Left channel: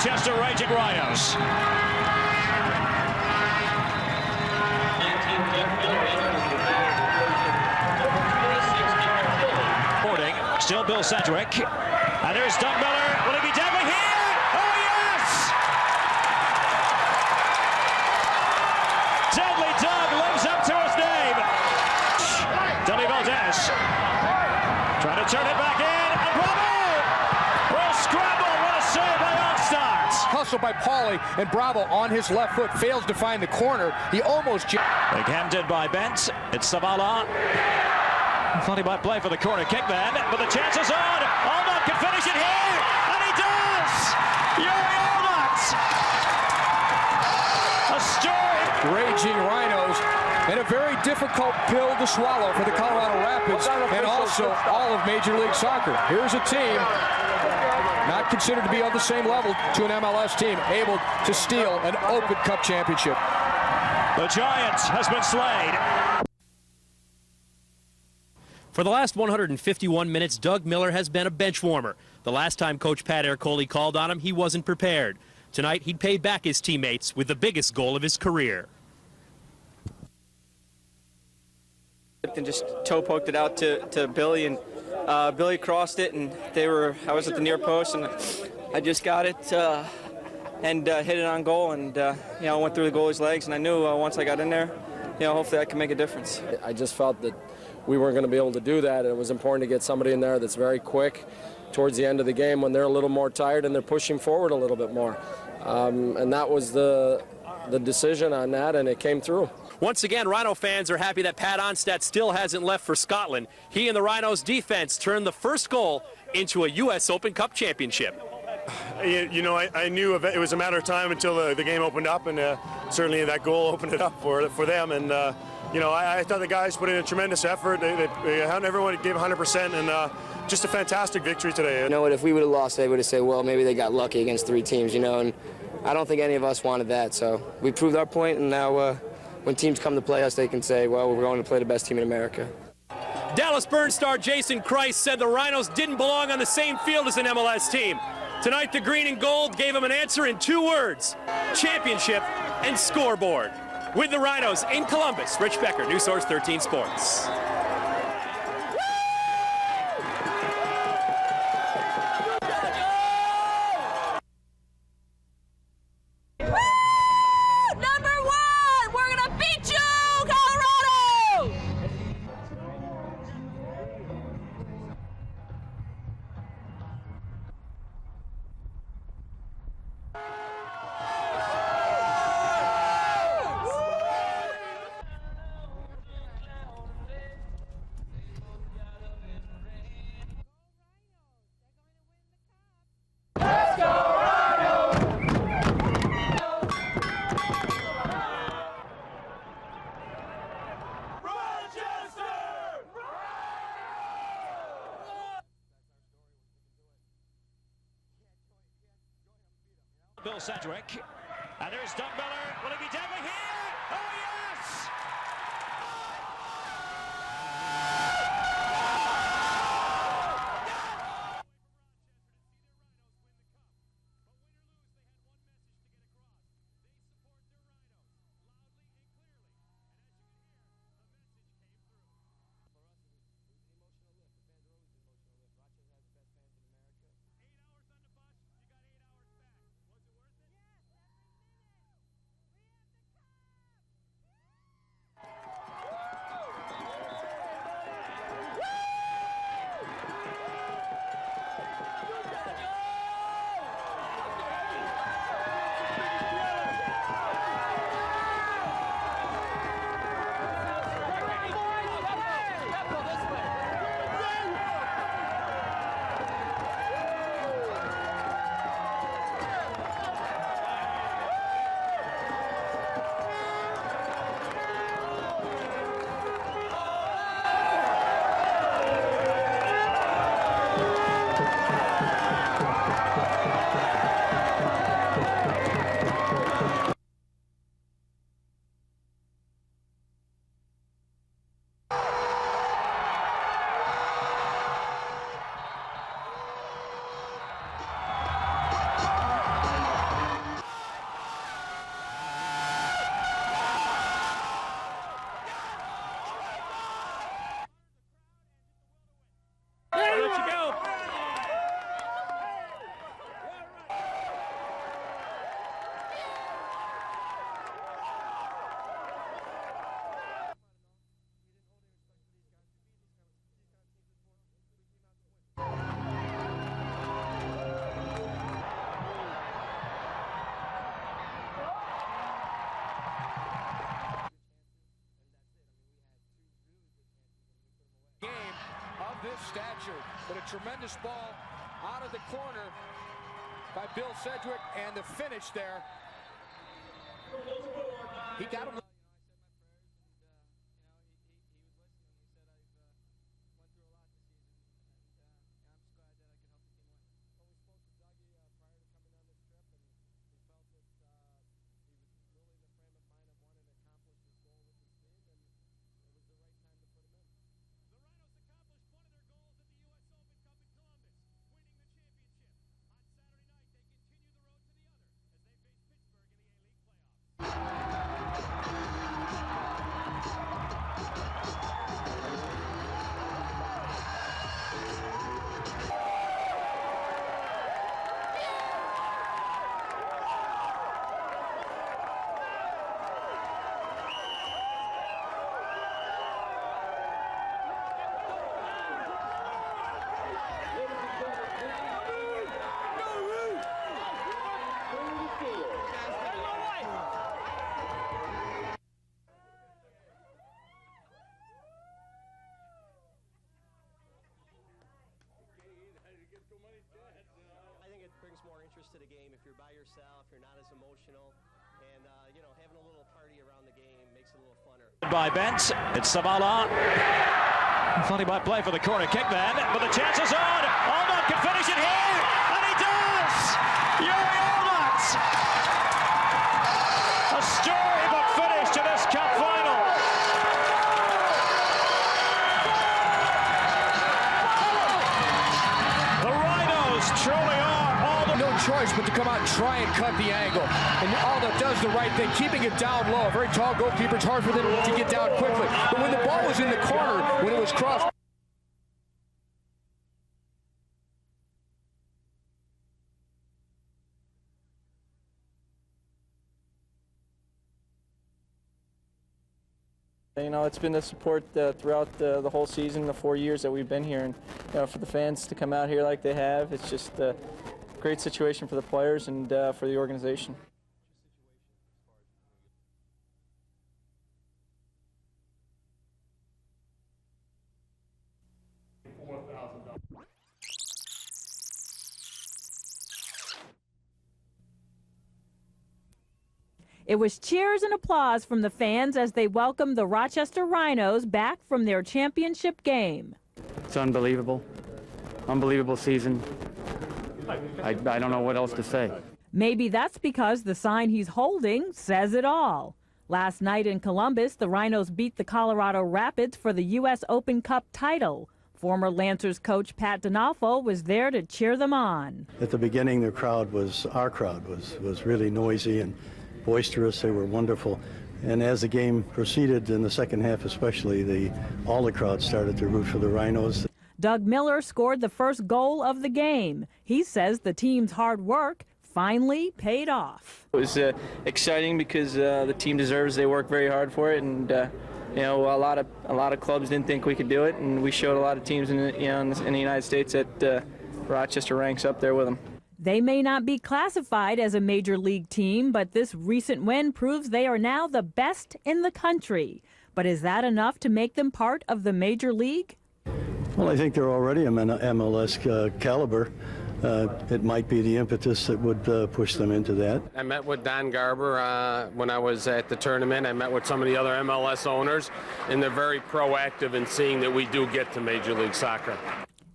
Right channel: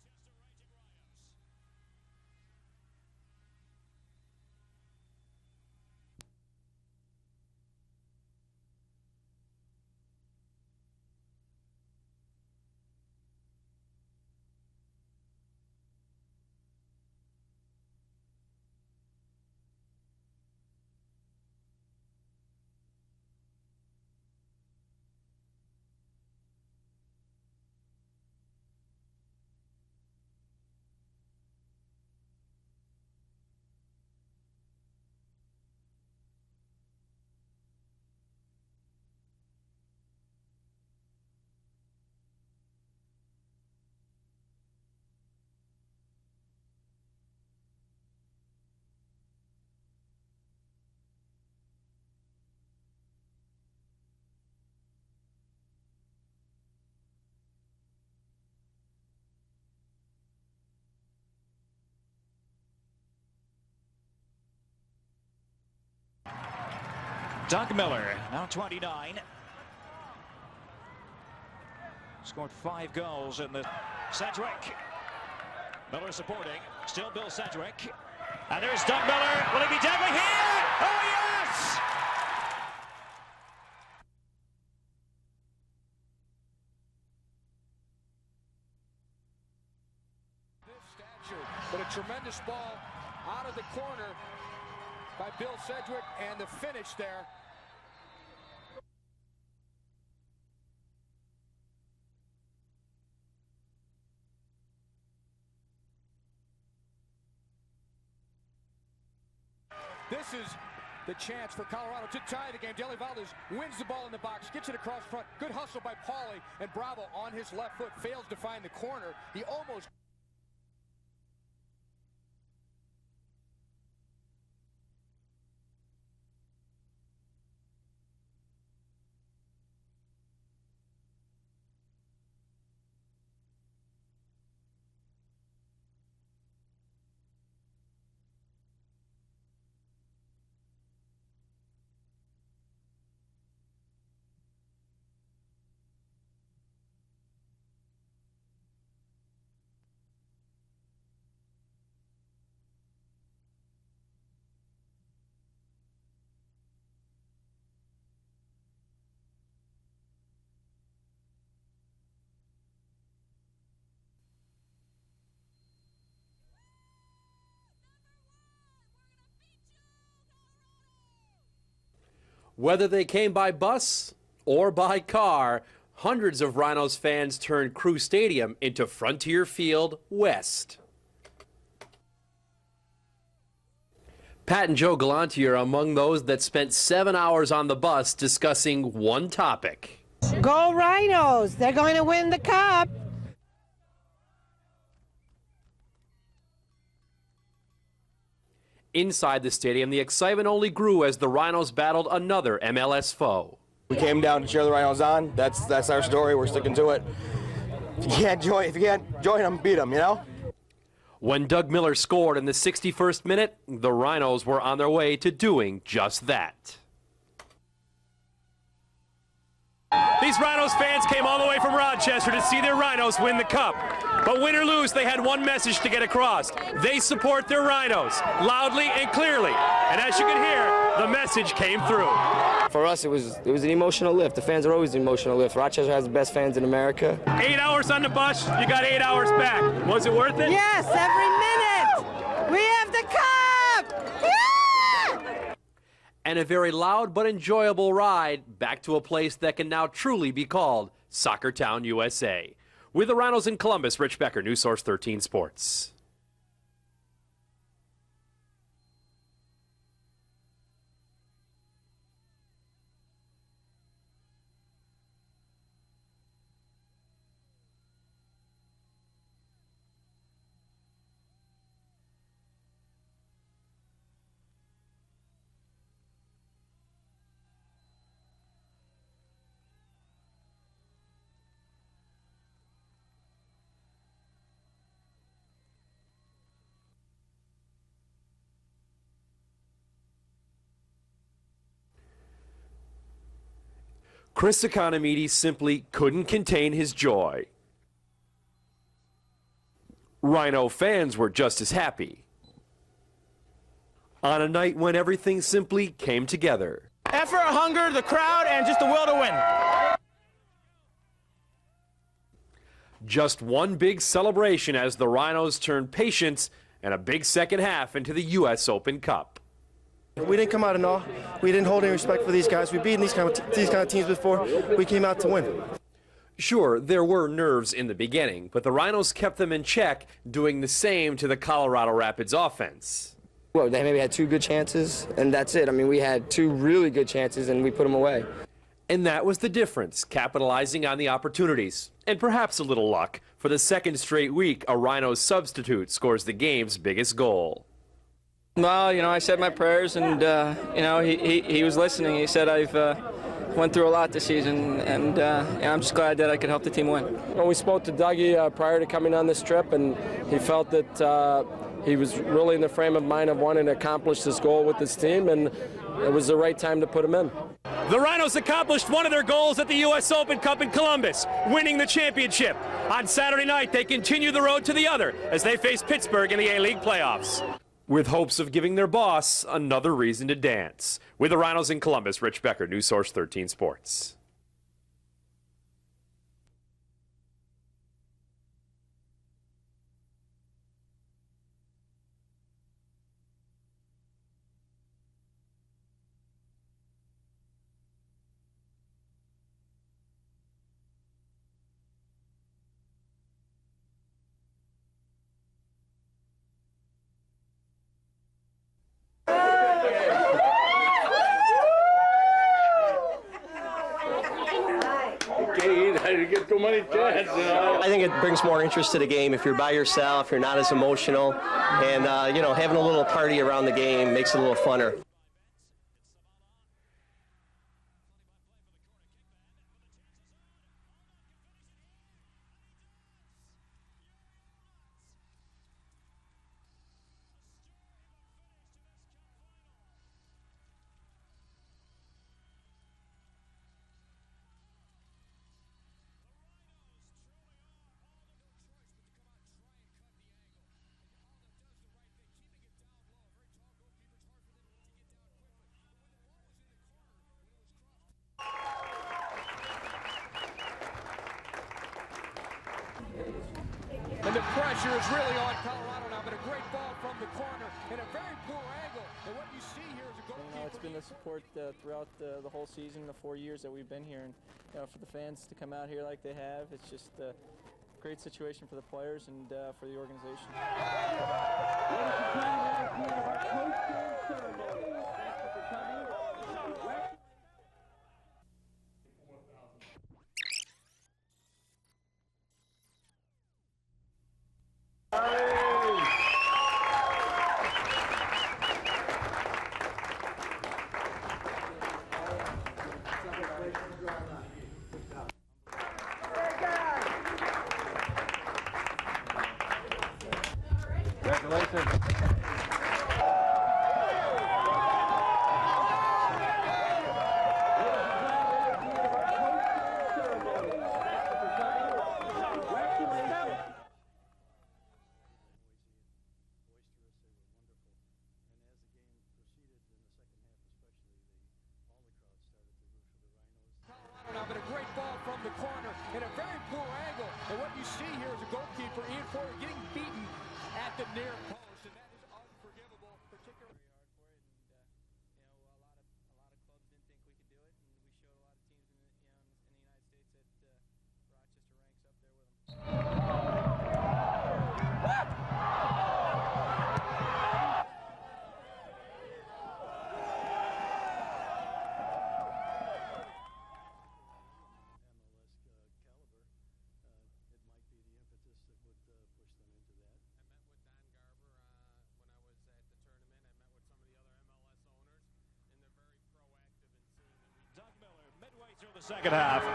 Rochester Raging Rhinos. Still Bill Sedgwick. And there's Doug Miller. Will he be deadly here? Oh, yes! Deadly Doug lives up to his name. Deli Valdez trying to turn it back in. And Bravo will scramble. What a save by Onstart. Hustle by Pauly, and Bravo on his left foot fails to find the corner. He almost... Big handed by Bent. It's Zavala. Thought he might play for the corner kick then, but the chance is on. Allnut can finish it here, and he does! Yuri Allnut! A story. Raging Rhinos, and a very difficult pill to swallow for the Colorado Rapids, and also all of Major League Soccer. Here's a team not considered to be on the same level to an MLS team, able to steal an Open Cup championship. The Giant has been slayed. Doug Miller, now 20. For the last 151 minutes, Doug Miller has been a bench warmer. The last time Coach Pat Ercole called on him, he wasn't prepared. Tonight, he paid back his teammates with the biggest goal of his career. And there's Doug Miller. Will he be deadly here? Oh, yes! And just toe poked it out to Billy, and Billy crossed it, and I was at the near post, and I just got it and hit it on goal, and went through the goalie's legs, and I knew once I got in there, hopefully I can make a difference. I just felt that we weren't going to be able to do that, and it was important to get somebody in there that's very quick towards the end of the game when they're a little more tired and they're pushing forward a little bit more. And that was the decision on that, and it came through. Once again, Rhino fans are happy that Pat Onstad still hasn't left for Scotland. He and the Rhinos defense turned the first goal into a U.S. Open Cup championship. I knew it was a matter of time until the game opened up, and certainly that goal opened it up for them. And I thought the guys put in a tremendous effort. Everyone gave 100%, and just a fantastic victory today. You know what? If we would have lost, they would have said, "Well, maybe they got lucky against 3 teams," And I don't think any of us wanted that. So we proved our point, and now when teams come to play us, they can say, "Well, we're going to play the best team in America." Dallas Burn star Jason Kreis said the Rhinos didn't belong on the same field as an MLS team. Tonight, the green and gold gave him an answer in 2 words: championship and scoreboard. With the Rhinos in Columbus, Rich Becker, News Source 13 Sports. Whether they came by bus or by car, hundreds of Rhinos fans turned Crew Stadium into Frontier Field West. Pat and Joe Galante are among those that spent 7 hours on the bus discussing one topic. Go Rhinos! They're going to win the cup! Let's go Rhinos! Inside the stadium, the excitement only grew as the Rhinos battled another MLS foe. We came down to cheer the Rhinos on. That's our story. We're sticking to it. If you can't join them, beat them, When Doug Miller scored in the 61st minute, the Rhinos were on their way to doing just that. These Rhinos fans came all the way from Rochester to see their Rhinos win the Cup. But win or lose, they had one message to get across. They support their Rhinos, loudly and clearly. And as you can hear, the message came through. For us, it was an emotional lift. The fans are always an emotional lift. Rochester has the best fans in America. 8 hours on the bus, you got 8 hours back. Was it worth it? Yes, every minute. We have the cup! Yeah! And a very loud but enjoyable ride back to a place that can now truly be called Soccer Town, USA. With the Rhinos in Columbus, Rich Becker, News Source 13 Sports. Chris Economides simply couldn't contain his joy. Rhino fans were just as happy. On a night when everything simply came together. Effort, hunger, the crowd, and just the will to win. I'll let you go. Just one big celebration as the Rhinos turned patience and a big second half into the U.S. Open Cup. We didn't come out in awe. We didn't hold any respect for these guys. We've beaten these kind of teams before. We came out to win. Sure, there were nerves in the beginning, but the Rhinos kept them in check, doing the same to the Colorado Rapids offense. Well, they maybe had 2 good chances, and that's it. I mean, we had 2 really good chances, and we put them away. And that was the difference, capitalizing on the opportunities. And perhaps a little luck. For the second straight week, a Rhinos substitute scores the game's biggest goal. Well, you know, I said my prayers, and you know, he was listening. He said I've went through a lot this season, and I'm just glad that I could help the team win. Well, we spoke to Dougie prior to coming on this trip, and he felt that he was really in the frame of mind of wanting to accomplish this goal with this team, and it was the right time to put him in. The Rhinos accomplished one of their goals at the U.S. Open Cup in Columbus, winning the championship. On Saturday night, they continue the road to the other as they face Pittsburgh in the A-League playoffs. With hopes of giving their boss another reason to dance. With the Rhinos in Columbus, Rich Becker, News Source 13 Sports. I think it brings more interest to the game if you're by yourself, you're not as emotional, and you know, having a little party around the game makes it a little funner. By Bent, it's Savala. Funny by play for the corner kick then, but the chance is on. Allnutt can finish it here, and he does! Yuri Allnutt! A storybook finish to this cup final. The Rhinos truly are all the... No choice but to come out and try and cut the angle. And Allnutt does the right thing, keeping it down low. A very tall goalkeeper, it's hard for them to get down quickly. But when the ball was in the corner, when it was crossed... And the pressure is really on Colorado now, but a great ball from the corner and a very poor angle. And what you see here is a goal. You know, it's been the support throughout the whole season, the 4 years that we've been here, and you know, for the fans to come out here like they have, it's just a great situation for the players and for the organization. It was cheers and applause from the fans as they welcomed the Rochester Rhinos back from their championship game. It's unbelievable. Unbelievable season. I don't know what else to say. Maybe that's because the sign he's holding says it all. Last night in Columbus, the Rhinos beat the Colorado Rapids for the U.S. Open Cup title. Former Lancers coach Pat D'Onofrio was there to cheer them on. At the beginning, our crowd was really noisy and boisterous. They were wonderful. And as the game proceeded in the second half especially, all the crowd started to root for the Rhinos. Doug Miller scored the first goal of the game. He says the team's hard work finally paid off. It was exciting because the team deserves. They work very hard for it, and you know, a lot of clubs didn't think we could do it, and we showed a lot of teams in the United States that Rochester ranks up there with them. They may not be classified as a major league team, but this recent win proves they are now the best in the country. But is that enough to make them part of the major league? Well, I think they're already an MLS caliber. It might be the impetus that would push them into that. I met with Don Garber when I was at the tournament. I met with some of the other MLS owners, and they're very proactive in seeing that we do get to Major League Soccer.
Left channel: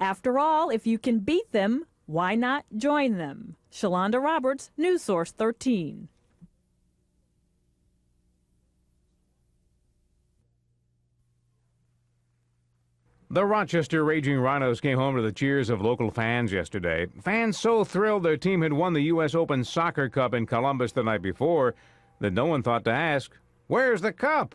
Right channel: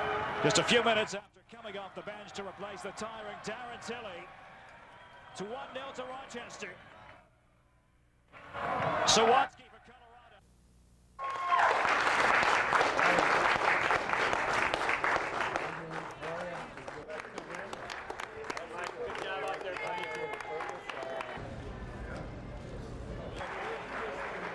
After all, if you can beat them, why not join them? Shalonda Roberts, News Source 13. So what? The Rochester Raging Rhinos came home to the cheers of local fans yesterday. Fans so thrilled their team had won the U.S. Open Soccer Cup in Columbus the night before that no one thought to ask, "Where's the cup?"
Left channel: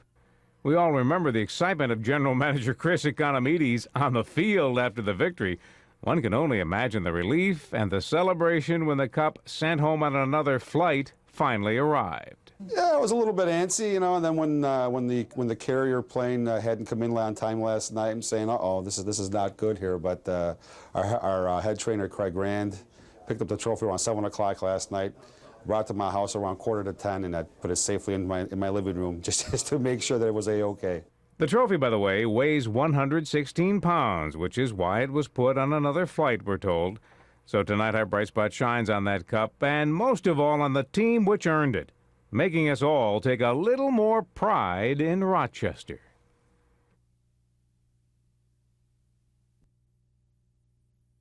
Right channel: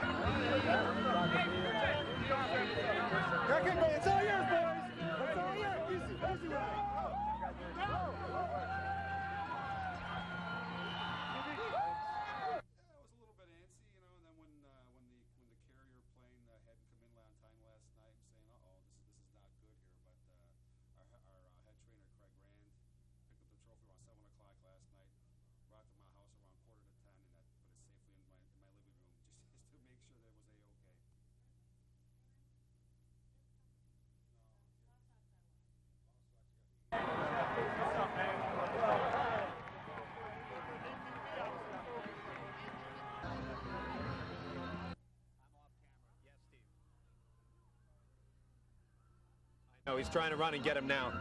We all remember the excitement of General Manager Chris Economides on the field after the victory. One can only imagine the relief and the celebration when the cup, sent home on another flight, finally arrived. Yeah, it was a little bit antsy, you know. And then when the carrier plane hadn't come in on time last night, I'm saying, "Uh-oh, this is not good here." But our head trainer Craig Rand picked up the trophy around 7 o'clock last night, brought it to my house around 9:45, and I put it safely in my living room just to make sure that it was a-okay. The trophy, by the way, weighs 116 pounds, which is why it was put on another flight, we're told. So tonight our bright spot shines on that cup, and most of all on the team which earned it, making us all take a little more pride in Rochester. He's trying to run and get him now.